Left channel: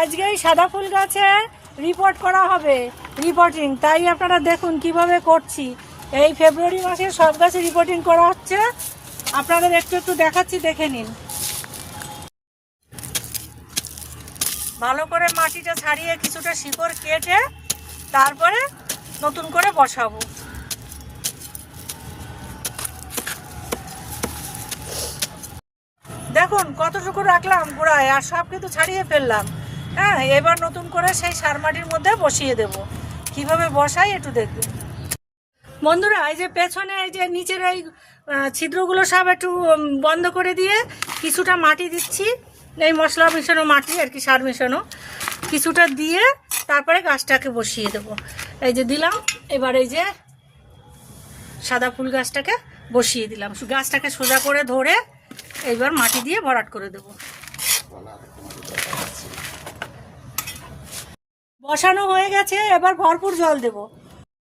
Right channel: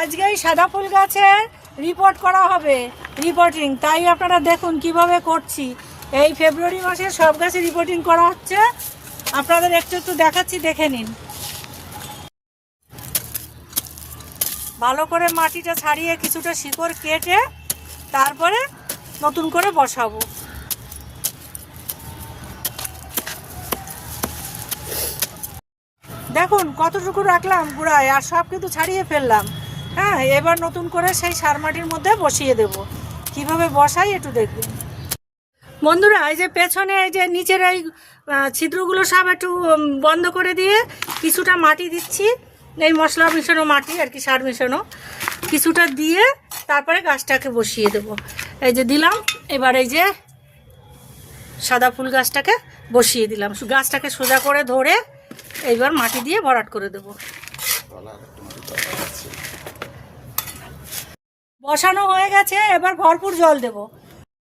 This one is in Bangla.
আজকে এই সাদা ফুল গাছে রিপোর্ট করা হবে, রিপোর্টিং। তাই আপনারা দেখুন কিভাবে করছি। এই ফেব্রুয়ারি মাসে সব গাছে রিপোর্টিং করা হচ্ছে, আপনাদের একটু একটু দেখাচ্ছি, দেখে নিন। ভালো করে মাটিটা ছাড়িয়ে কিছুটা শিকড় কেটে তারপরে নতুন করে বসাবো। দেখুন কতটুকু রাখলাম গোড়ায়, আর সব কিন্তু ছাড়িয়ে ফেললাম। হ্যাঁ, এবার নতুন করে সেই সার মাটির মধ্যে বসিয়ে দেব। কিভাবে বসাই একটু দেখবেন বন্ধুরা। এই যে পেছনে এই যে নিচের এই ছিদ্রগুলো সব একটু বন্ধ করে দিয়ে কিছুটা মাটি দিচ্ছি, এই মশলা মিশানো মাটি আর কি, সার মেশানো কিছুটা দিয়ে তারপরে গাছটাকে বসিয়ে দেব। এই যে দিলাম, এবার এই যে সাদা ফুল গাছটাকে বসিয়ে দিলাম। গাছটাকে সোজা করে ধরে এইবার মাটি দিয়ে ভরাট করে দেব। বসানো হয়ে গেছে, এবার ভরপুর জল দেব।